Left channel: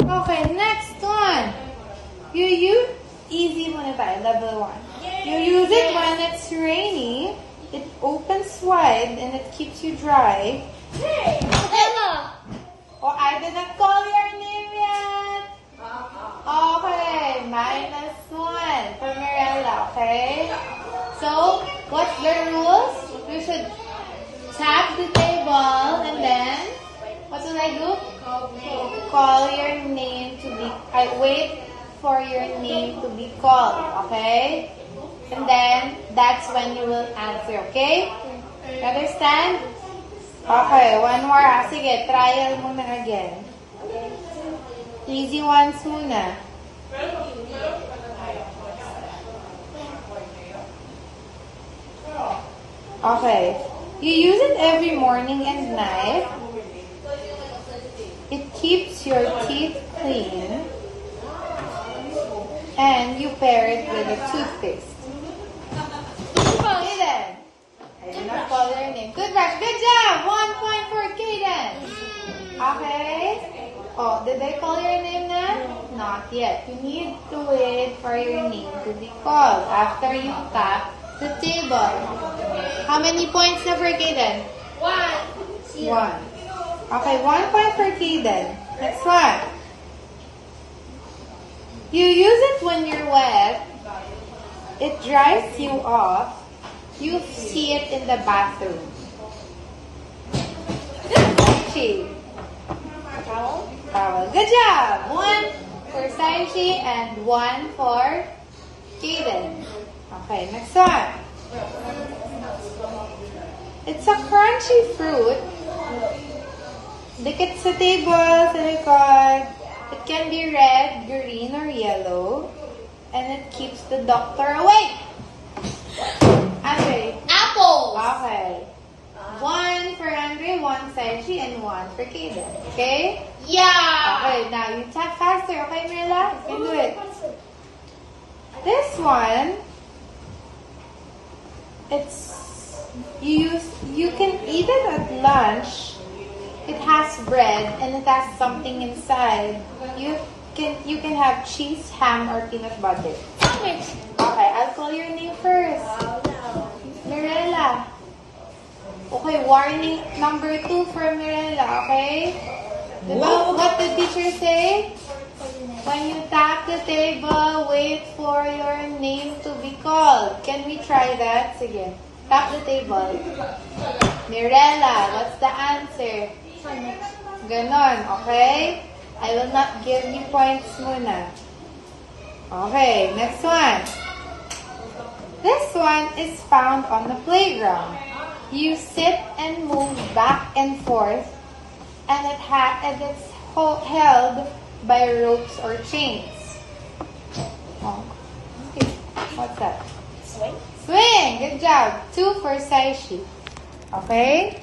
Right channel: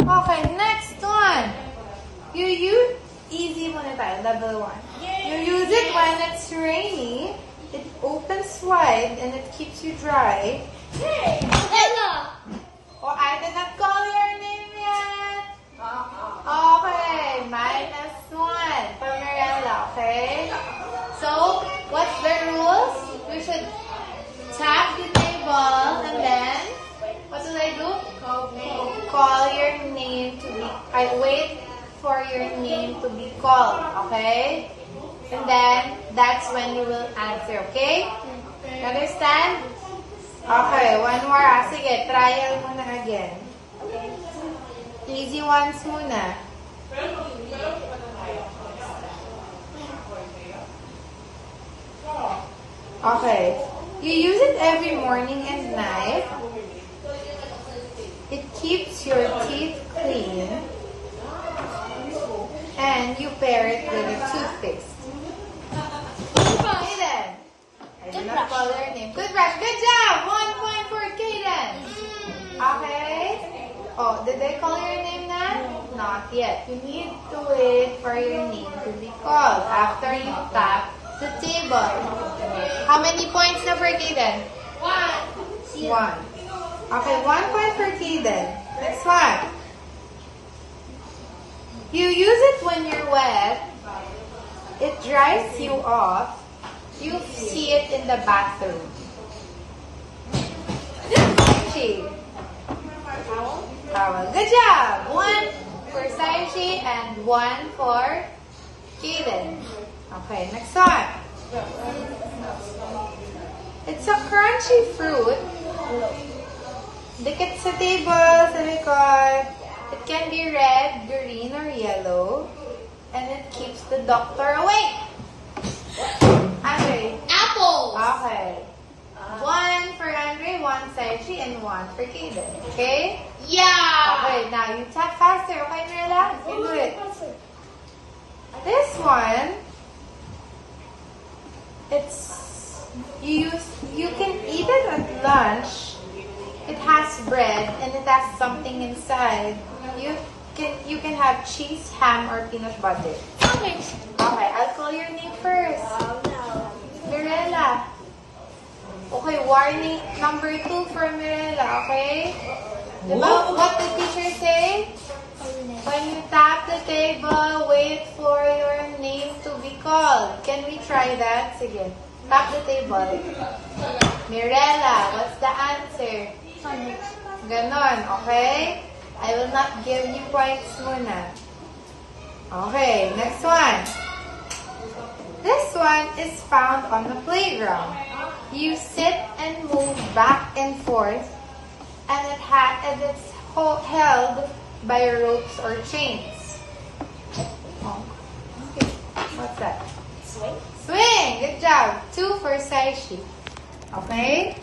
Okay, next one. You use, easy muna tayo, level 1. You use it when it's rainy. It opens wide and it keeps you dry. Hey, Ella. Oh, I did not call your name yet. Okay, -1 for Mirella, okay? So, what's the rules? We should tap the table and then, what do I do? Call your name to be, wait for your name to be called, okay? And then, that's when you will answer, okay? Understand? Okay, one more. Sige, trial muna again. Easy ones muna. Okay. You use it every morning and night. It keeps your teeth clean. And you pair it with a toothpaste. Kaden. I did not call your name. Good brush. Good job. 1 point for Kaden. Okay. Oh, did they call your name now? Not yet. You need to wait for your name to be called after you tap the table. How many points na for Kaden? 1. 1. Okay, 1 point for Kaden. Next one. You use it when you're wet. It dries you off. You see it in the bathroom. Saishi. Good job. 1 for Saishi and 1 for Kaden. Okay, next one. It's a crunchy fruit. Dikit sa table, sa likod. It can be red, green, or yellow. And it keeps the doctor away. Andre. Apple. Okay. 1 for Andre, 1 Saishi, and 1 for Kaden. Okay? Yeah. Okay, now you tap faster. Okay, Mirella? You do it. This one, you can eat it at lunch. It has bread and it has something inside. You can have cheese, ham, or peanut butter. Okay, I'll call your name first. Mirella. Okay, warning number 2 for Mirella, okay? What the teacher say? When you tap the table, wait for your name to be called. Can we try that? Sige. Tap the table. Mirella, what's the answer? Ganon, okay? I will not give you points muna. Okay, next one. This one is found on the playground. You sit and move back and forth, and it's held by ropes or chains. Oh, okay. What's that? Swing. Swing! Good job. 2 for Saishi. Okay?